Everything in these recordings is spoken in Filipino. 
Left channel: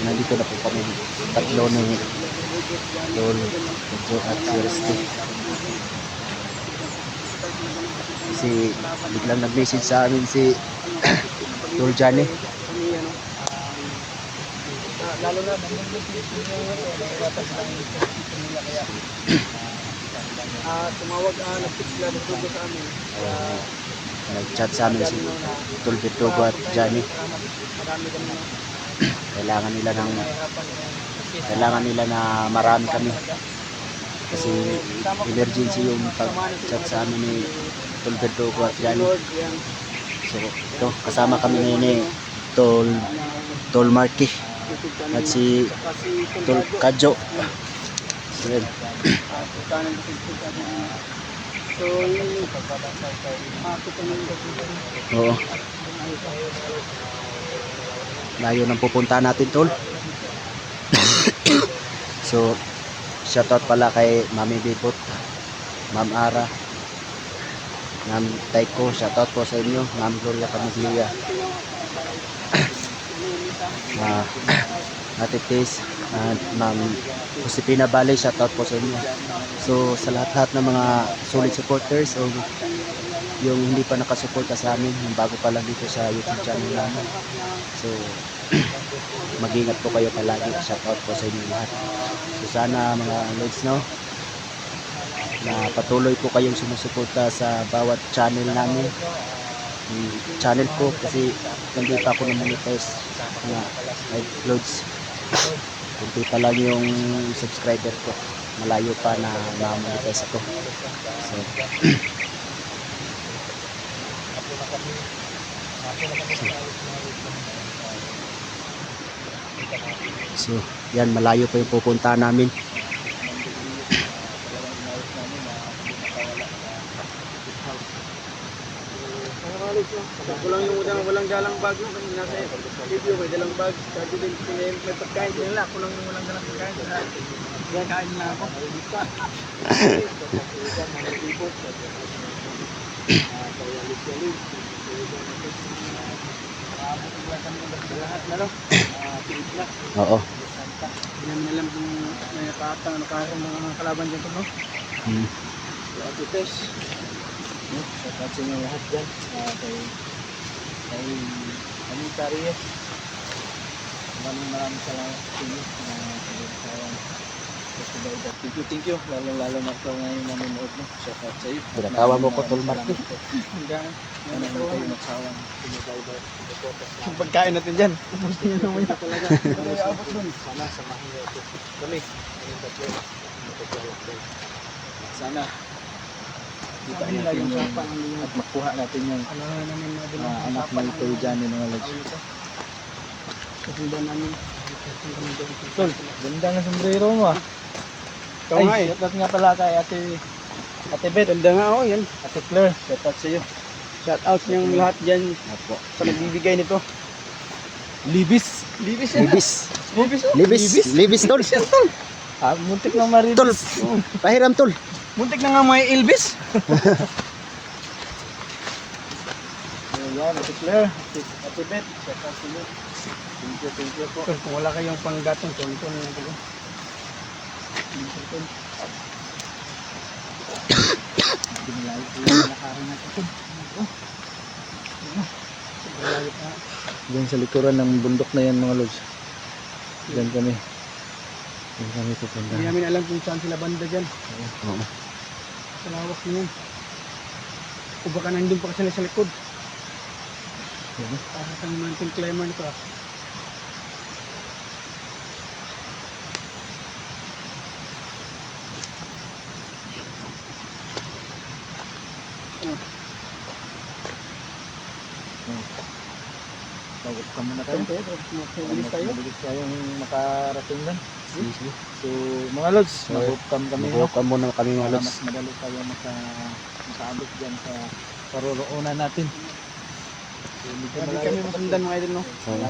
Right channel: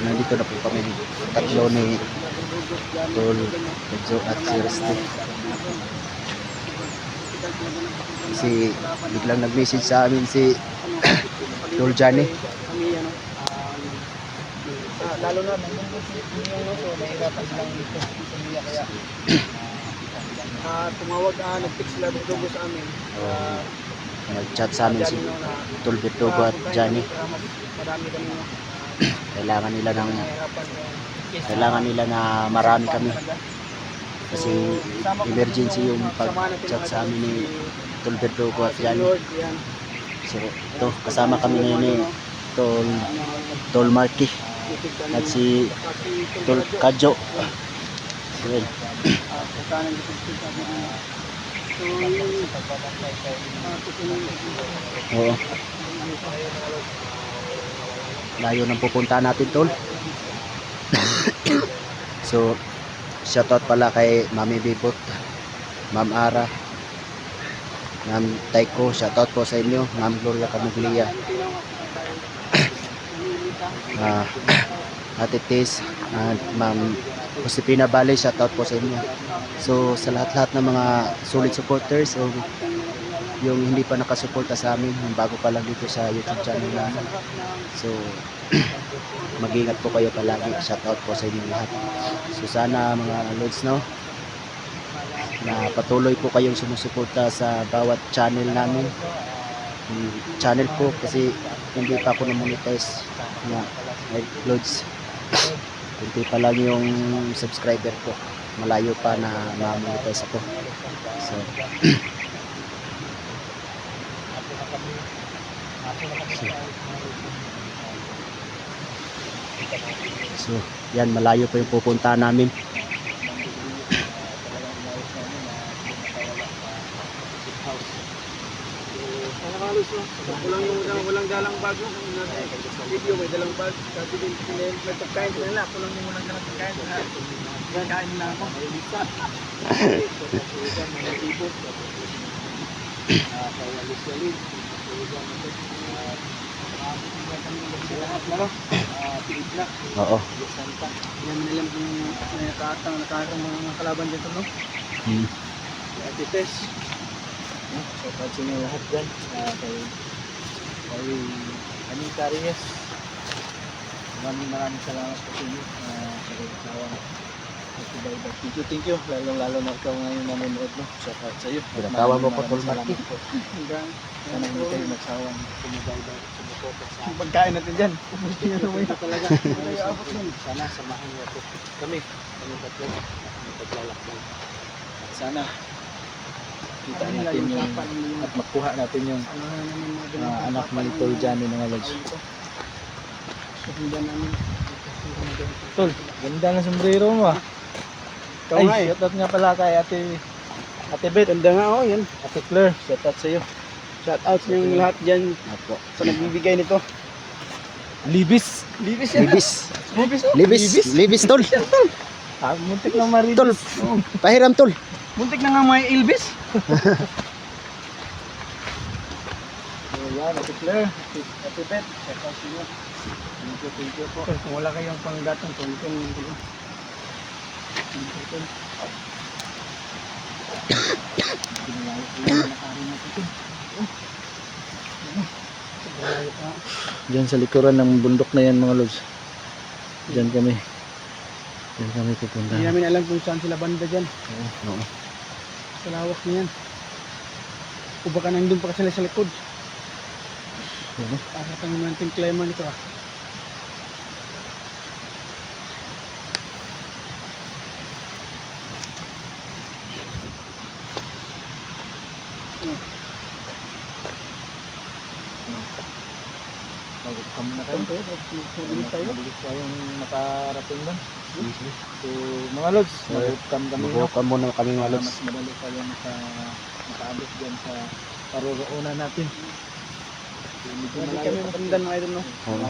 nandito na po kami tatlo ni Tol Medyo at si Rusty. Kasi biglang nag-message sa amin si Tol Johnny. Tumawag ang nag-fix sila ng dugo sa amin. Oh, nag-chat sa amin si Tol Bertugo at Johnny. Marami kami Kailangan nila ng kailangan nila na marami kami. Kasi emergency yung pag-chat sa amin ni Tol Bertugo at yan. So, ito, kasama kami ngayon ni Tol, Tol Marky at si Tol. Yun. Kami. So, kami Oo. Layo ng pupunta natin, Tol. so, shoutout pala kay Mami Bibot, Ma'am Ara, Ma'am Taiko, shoutout po sa inyo, Ma'am Gloria Camiglia, Ah, Ate Tis, at Ma'am Josepina Bale, shoutout po sa inyo. So, sa lahat-lahat ng mga solid supporters o yung hindi pa nakasuporta sa amin, yung bago pa lang dito sa YouTube channel namin. So, mag-ingat po kayo palagi. Shoutout po sa inyo lahat. So, sana mga Lods, no? Na patuloy po kayong sumusuporta sa bawat channel namin. Yung channel ko kasi hindi pa ako na-monetize nga ay Lods. Kunti pa lang yung subscriber ko. Malayo pa na ma-monetize ako. So, So, yan malayo pa yung pupunta namin. So, kulang yung walang, walang dalang bag no? Kanina sa video may dalang bag. Sabi din sila may pagkain din nila. Kulang yung walang dalang pagkain. Kaya kain na ako. Oo. Hindi namin alam kung may nakatang nakatang mga kalaban dyan no? Hmm. Ate Tess. No? So, sa inyo lahat dyan. Kay, kay Anita Reyes. Maraming maraming salamat po sa inyo. Uh, sa Bintawang Festival. Thank you, thank you. Lalo, lalo na ikaw ngayon nanonood. No? So, sa iyo. Pinatawa mo ko, Tol Marky. Hanggang ano hindi kayo magsawang sumubaybay. Yung pagkain natin dyan. Naman talaga. Abot nun. Sana samahin niyo ako. Kami. Yung tatlo. Magpaglalakbay. Sana kita natin yung at makuha natin yung uh, anak ng Tol Johnny mga namin. Tol, ganda nga sombrero mo ah. Ikaw nga eh. Shoutout nga pala kay ate Ate Bet. Ganda nga oh yan. Ate Claire, shoutout sa iyo. Shoutout yung lahat dyan Apo. sa nagbibigay nito. Libis. Libis yan. Libis. Libis oh. Libis. Libis, Tol. Ah, muntik na maribis. Tol. Oh. Pahiram, Tol. Muntik na nga may Elvis. so yan, Ate Claire, Ate, Ate Bet, shoutout sa inyo. Thank you, thank you po. Kung wala kayong panggatong. Thank you, Diyan sa likuran ng bundok na yan, mga lods. Diyan kami. Diyan kami pupunta. Hindi namin alam kung saan sila banda dyan. Oo. Sa lawak niyan. O baka nandun pa sila sa likod. Oo. Para sa mountain climber nito ah. Ano? Mag-upcam muna Ano? Mabilis tayo? Mabilis tayong makarating doon. So, mga lods, mag-upcam kami. Mag-upcam muna kami, mga lods. Mas madali tayo maka, makaalis dyan sa karoroonan natin. Malayo kami masundan mga idol no? Oo.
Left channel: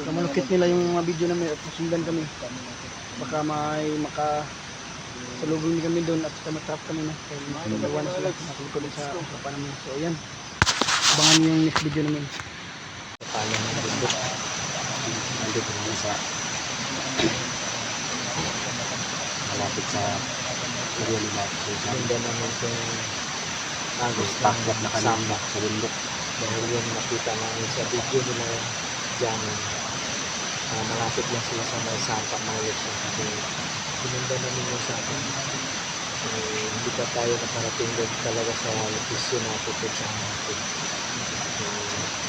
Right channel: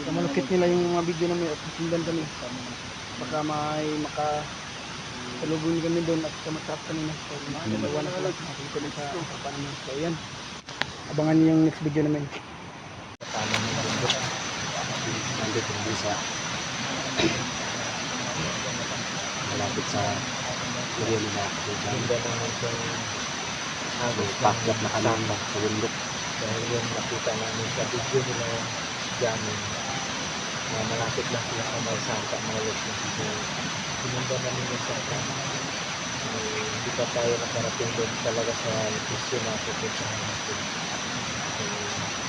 Kamalukit nila yung mga video namin at masundan kami. Baka may maka salubong kami doon at kamatap kami na. So, Hmm. dalawa na sila nakalikod sa harapan namin. So, yan. Abangan niyo yung next video namin. Nandito namin sa malapit sa area nila so, pakyat na kami sa bundok. Dahil yung nakita namin sa video nila dyan uh, malapit lang sila sa may Santa na kasi pinanda namin yung Santa eh, hindi pa tayo nakarating doon talaga sa location na pupuntahan natin. So,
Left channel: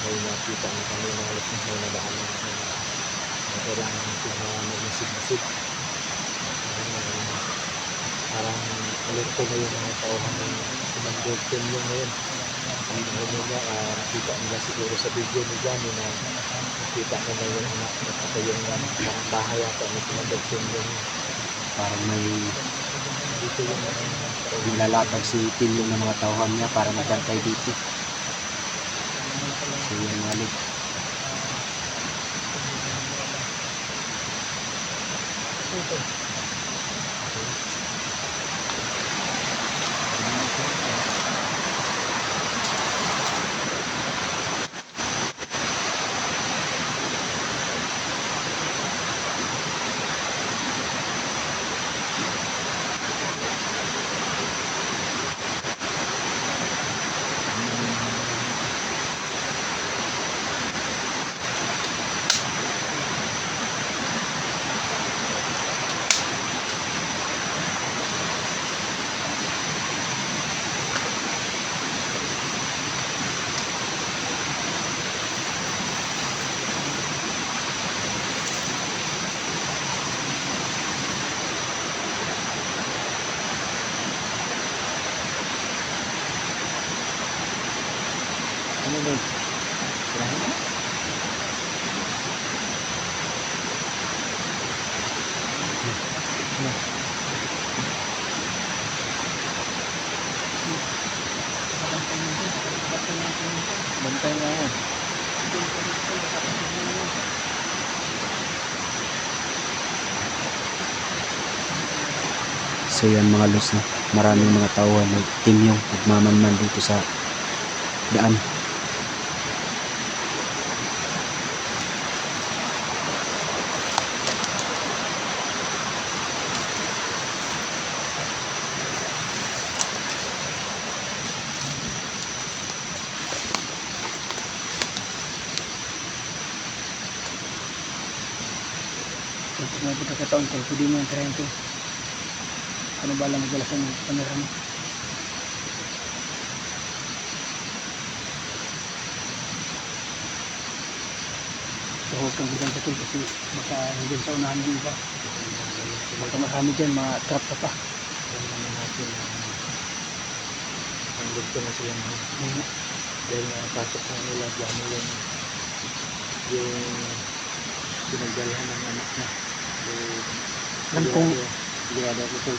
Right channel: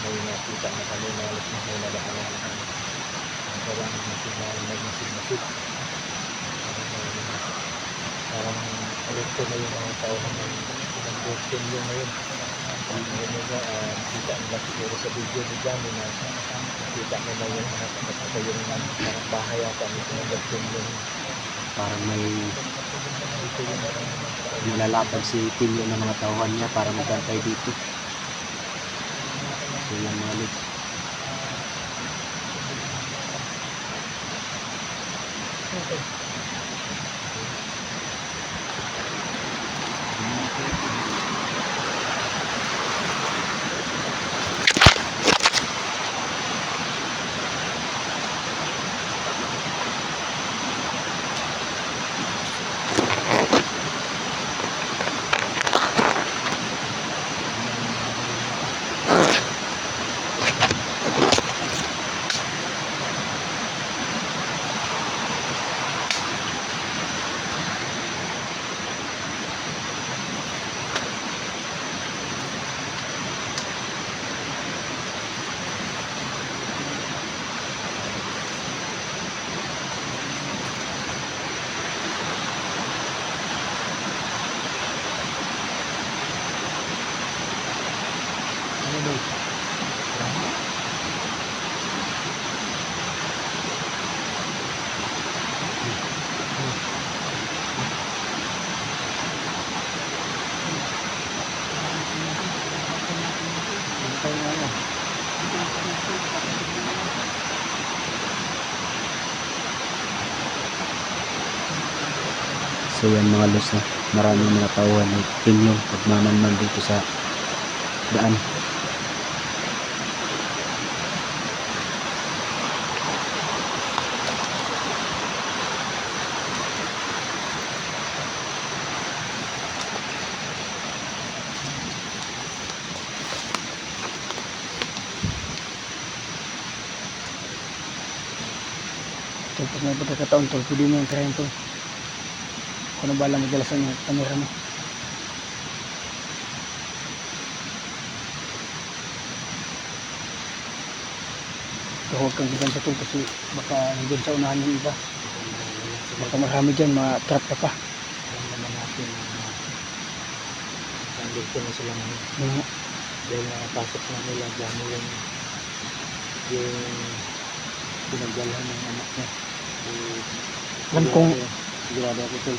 may nakita na kami na alas na kami ang na magmasid-masid parang uh, parang alerto na yung mga tao na may sinang yung ngayon. Ang ano niya, ah, nakita nila siguro sa video ni Johnny na nakita nila yung anak at saka yung parang bahay ata ni Pinagagpin yun. parang may yung nilalatag si Tilio ng mga tauhan niya para magbantay dito. So yan mga lig Okay. Ano ba yan. so yan mga los no? Maraming mga tauhan na timyong pagmamanman dito sa daan pag may pagkakataon to, pwede mo yung try to. Ano ba lang madalas ang camera mo? Huwag kang bigan sa to kasi baka hanggang sa unahan yung iba. Baka marami dyan, ma-trap ka pa. Nandito na sila mo. Dahil nakapasok na nila, dyan mo yung yung pinagdalahan ng anak niya. Alam kong sigurado ako ito.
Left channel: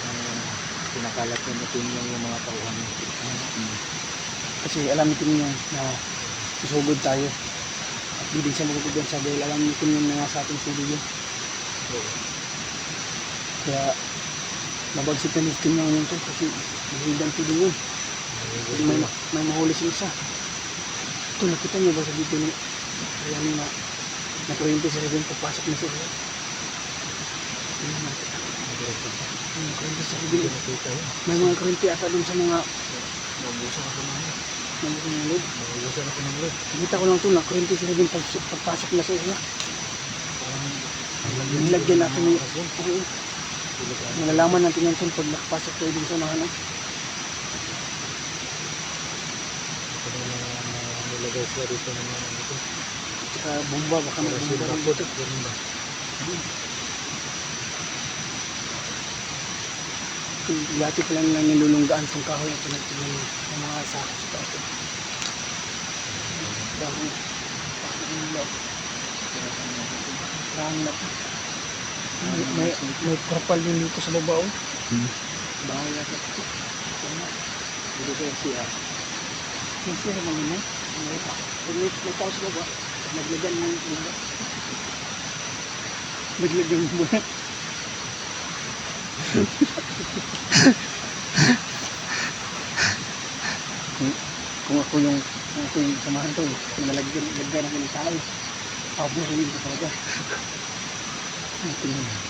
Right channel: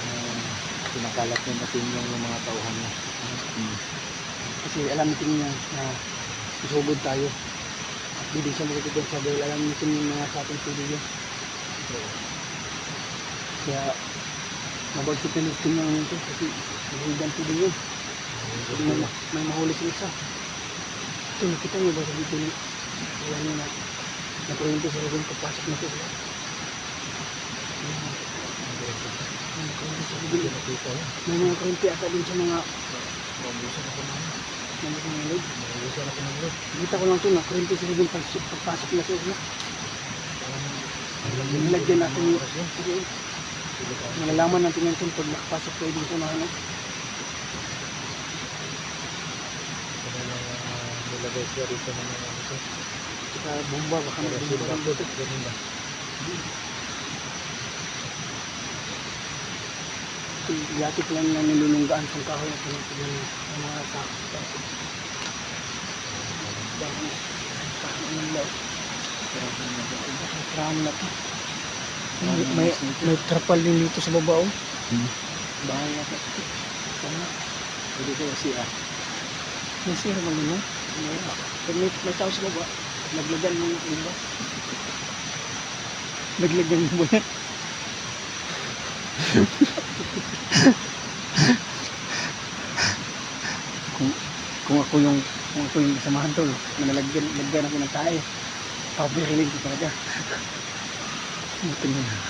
Uh, pinakalat niya natin yung mga tauhan niya. Kasi alam natin niya na susugod tayo. At di din siya magkakagod sa dahil alam natin yung mga sa ating sudo yun. Kaya mabagsik na natin yung yun to kasi mahigan to din yun. May, may mahuli sila isa. Ito, nakita niyo ba sa dito ni Ayan na nakuryente sila dun pagpasok na sila. Na. Ayan, kuryente sila dun. May mga kuryente ata dun sa mga Mabusa na pinagod. Mabusa na pinagod. Mabusa na pinagod. Kita ko lang ito na kuryente sila dun pag, pagpasok na sila. Nilagyan natin yung. Nalalaman natin yan kung pag nakapasok kayo dun sa unahan. Nilagay siya dito ito. Saka bomba, may bomba ng dito. Yati pa lang lang nilulunggaan itong kahoy at tinutulong ng mga sako sa kahoy. Baka nila. Prahan na to. May, may, trapal din dito sa baba oh. Hmm. Bahay na ito. Pwede ko siya. May sira ba yun may, may tao sa baba, naglagan mo yung baba. Naglagan mo ba? kung, kung ako yung kung ako yung samahan to, kung nalagyan, nalagyan ako ng tayo. Sabi, rinig ko talaga. Tingnan mo?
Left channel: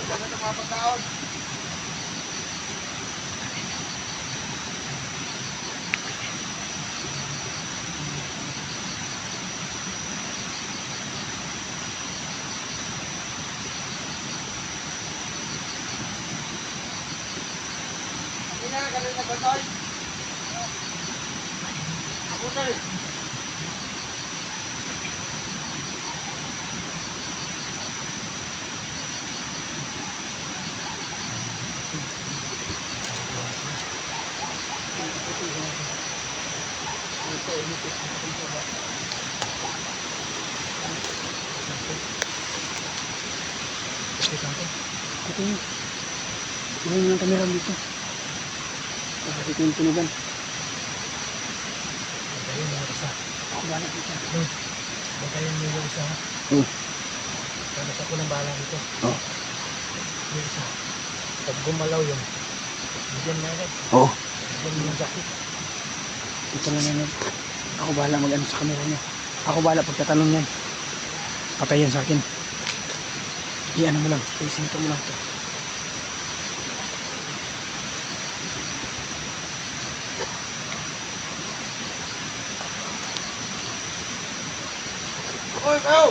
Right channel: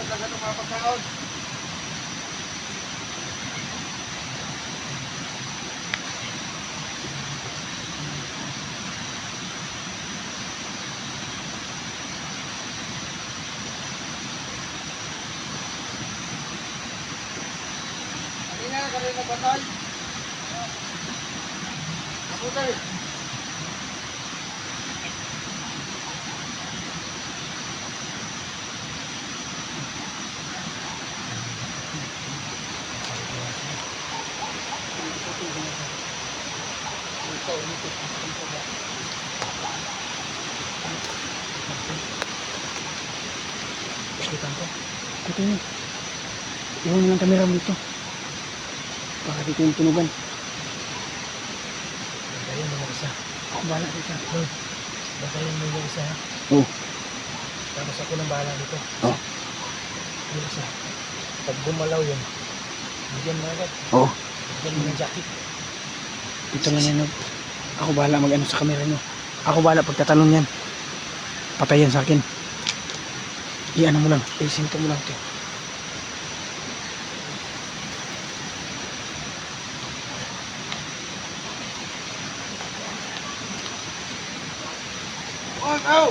Punta sa. Yun. Iwan lang kamera mo dito. Baka dito yung tunugan. Bantayan mo yung isa. Bahala dito. Bantayan mo yung isa. Oo. Tapos ako nang bahala dito. Oo. Yung isa. Pag bumalaw yun, bigyan mo agad. Oo. Bigyan mo yung jacket. Dito lang yan. oh. Ako bahala mag-ano sa kamera niyo. Ako bahala pagtatanong yan. Patayan sa akin. I-ano mo lang. I-sinto mo lang ito. Oy, Pao!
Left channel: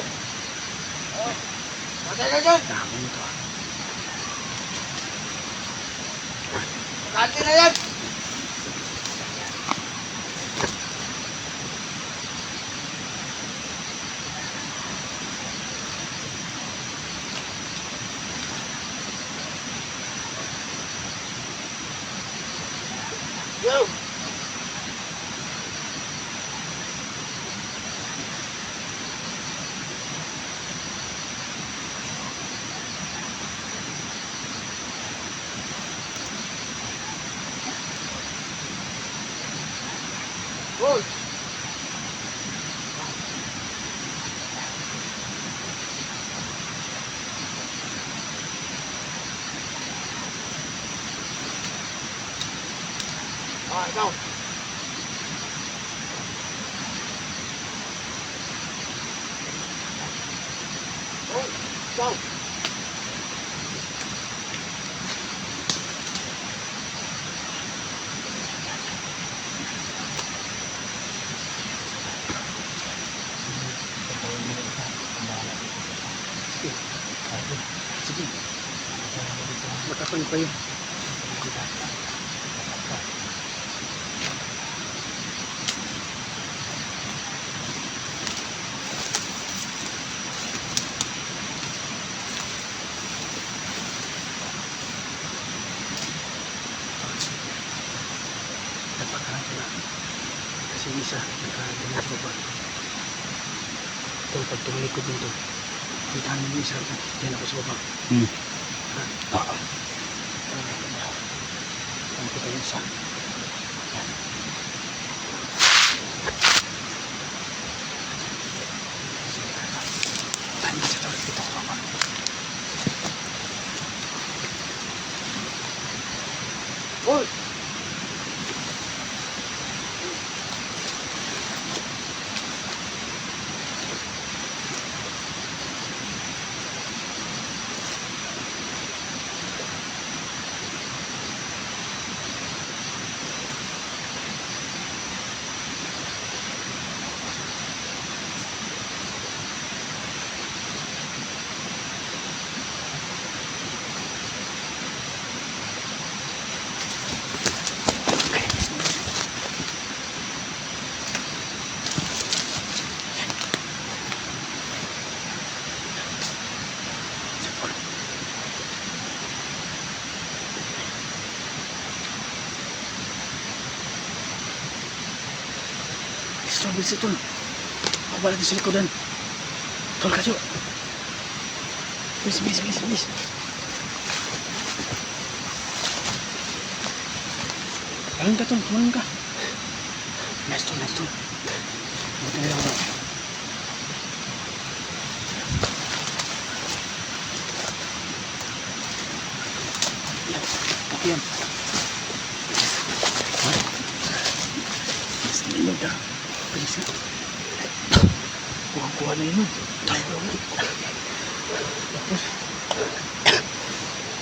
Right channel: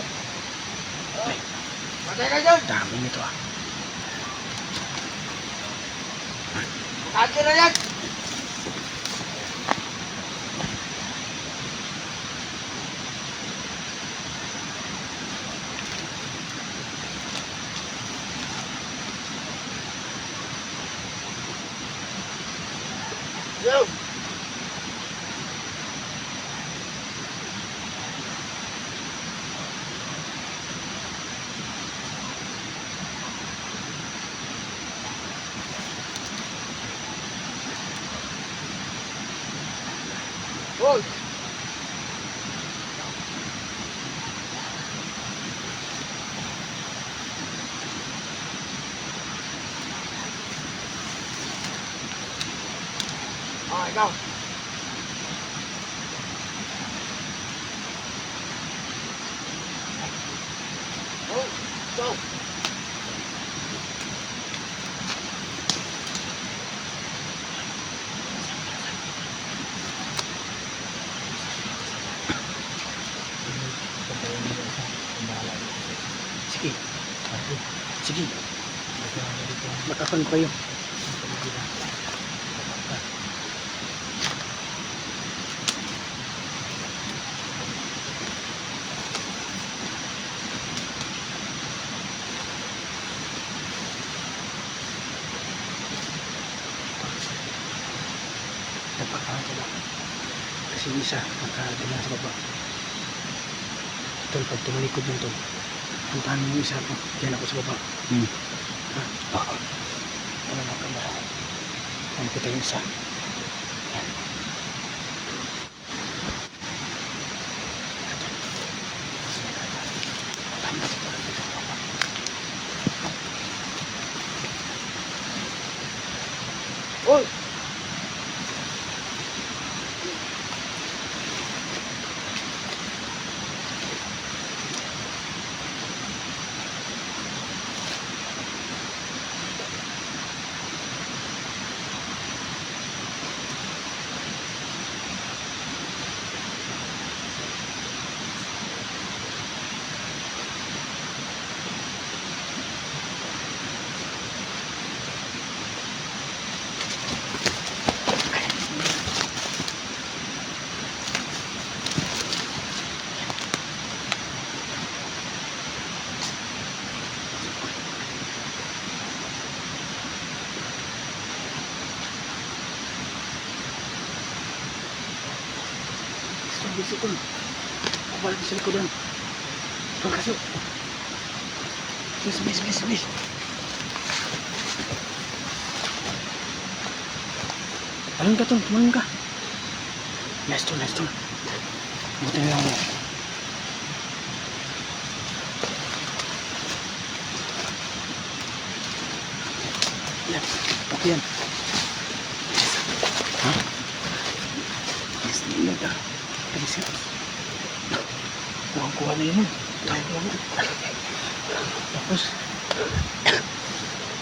Patay ka dyan! Dami nito ah. Makain ka na yan! Hoy! Ah, ikaw. Hoy, ikaw. Sige. Sige. Matapan pa yun. Nagpapakala. Kasi isa, nakadala sa baba. Tol, pag tumulikod yun tol. Puntahan mo yung isa ko. Diyan ako sa baba. Hmm. Oo. Ano na ito ba? Ano kita yung isa? Bilis tol. Baba natin sa likodan. Tol, kaso. Bilis, bilis, bilis, bilis. Talon ka tol, tumalon ka. Nice tol, nice tol. Buti na lang. Okay yan. Ha? Yes, nilog ka. Na. Kuha-kuha na yun. Tapos,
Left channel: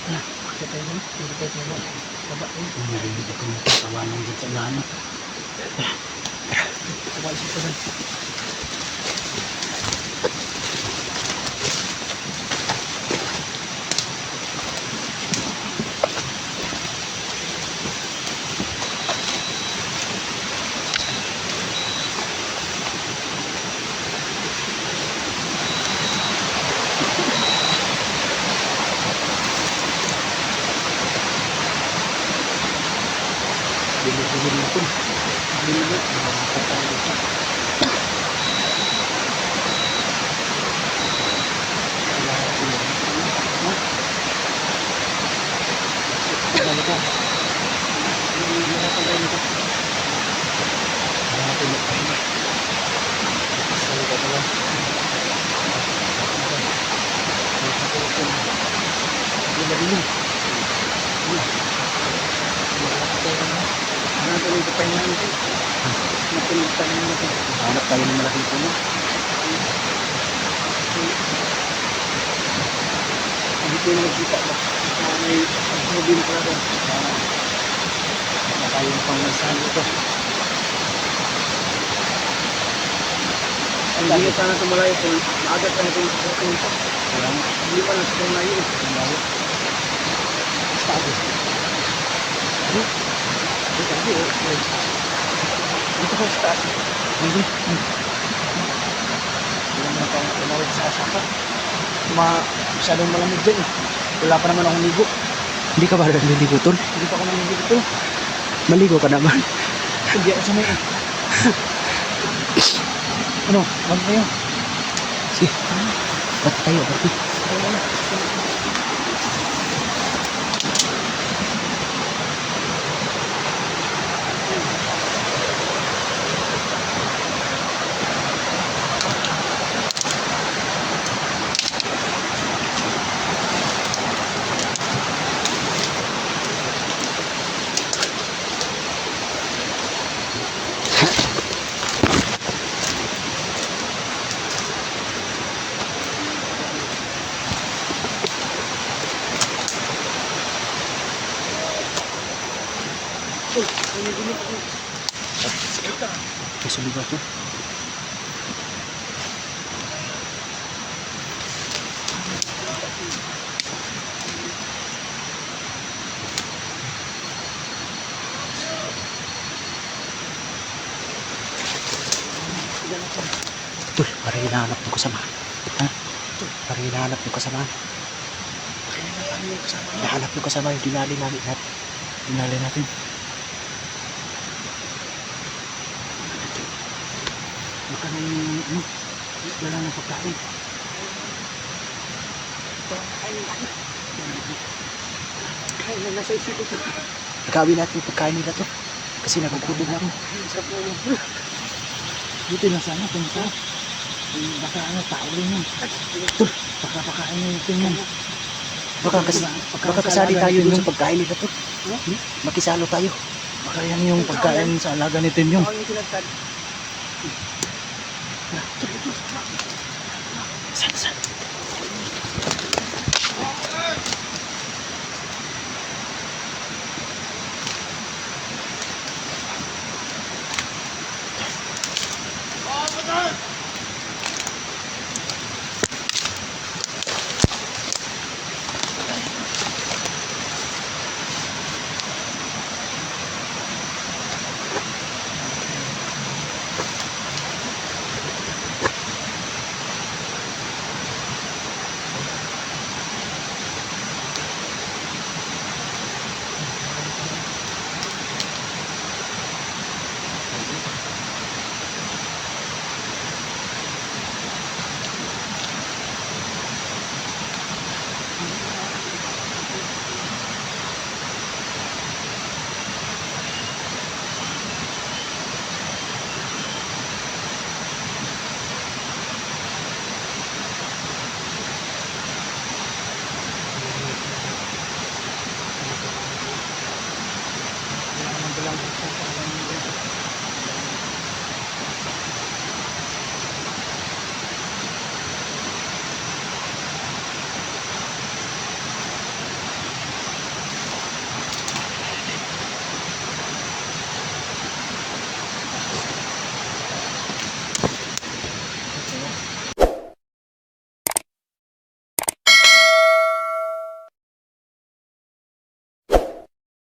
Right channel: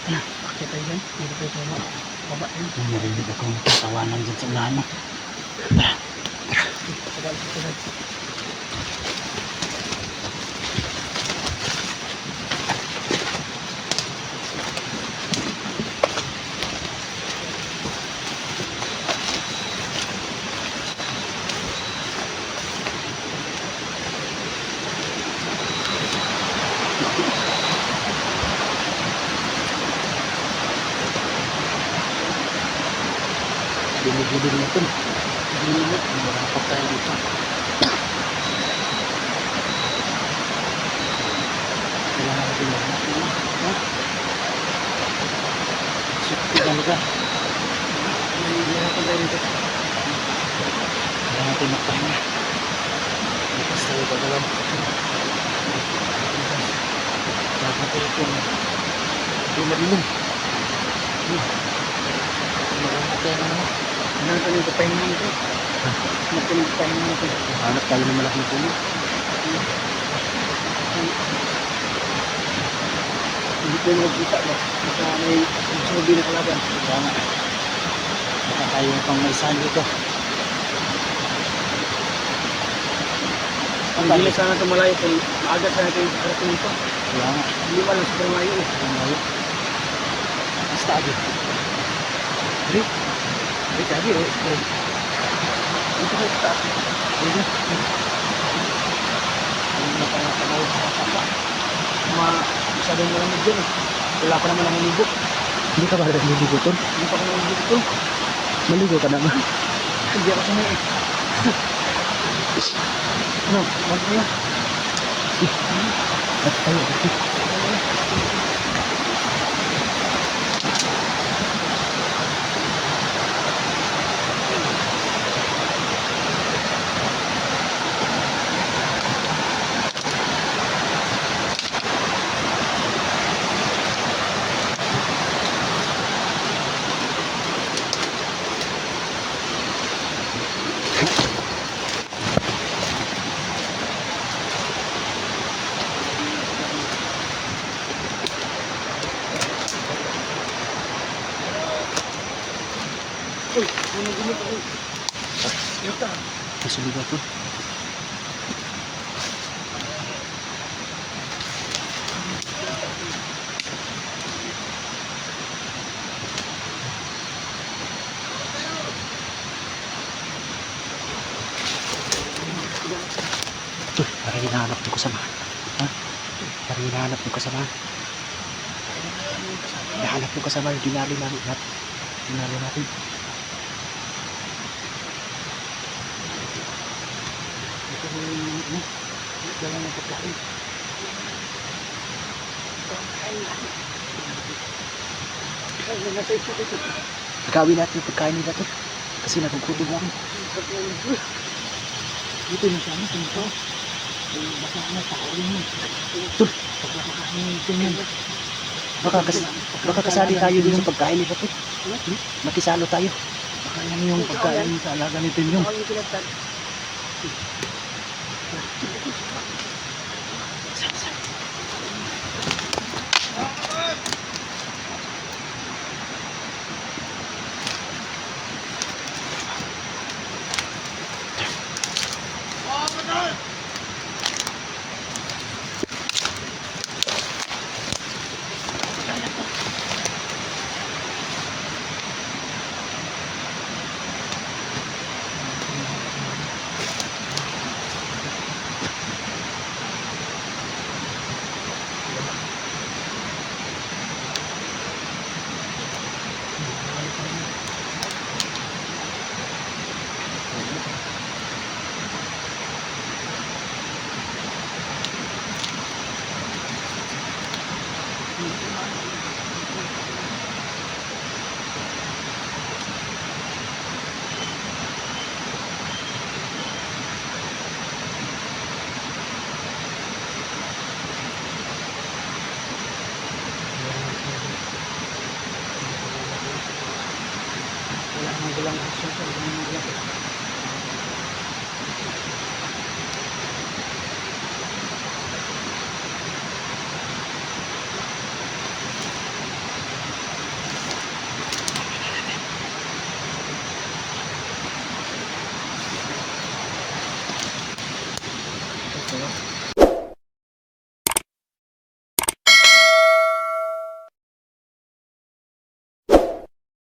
ano, kita. Hindi tayo tayo. Baba tayo. Narinig ako yung kawanan dyan sa unahan mo. Baba sa unahan. Bilig-bilig na ito. Na tayo dito. Kaya natin magpahinga. Tapos tayo gagawin. Bilig-bilig. Ano ang tuloy pa naman ito? Ano tuloy pa naman ito? Hanap tayo ng malaking puno. Hindi ko nagkita ba? Ito may sabi na pala doon. Kaya yung pang maisahan ito. Hindi na sana tumalayo kung maagat na natin yung karating ito. Hindi pa lang sa malayo. Malayo. Basta ako. Hindi. Sabi eh. Dito ko sa taas. Hindi. Hindi na pa tumalayo sa sapa. Ma, masyadong malamig dyan eh. Wala pa naman akong ligo. Hindi ka ba naliligo tol? Hindi pa ako naligo ito. Maligo ka naman. Hindi ako sumi eh. ano? Ano na yun? Ba't tayo? Ba't Uy, Sige ka. May sumigaw tol. Parang hinahanap ng kasamahan. Ha? Parang hinahanap ng kasamahan. Hinahanap ng kasamahan yung dinali namin natin. Tinali natin. Baka na yung ano? Nagawin natin yung pagkain nila to. Kasi nagugutom lang. Sa puno. Dito na sana. Eh, Baka ano, tao rin yun. Tol, Baka pakain mo ito yun. baka, kas baka kasali tayo dun sa pagkain nila to. Makisalo tayo. Baka yan yung pagkain sa alaga ni Tim yung. Saan?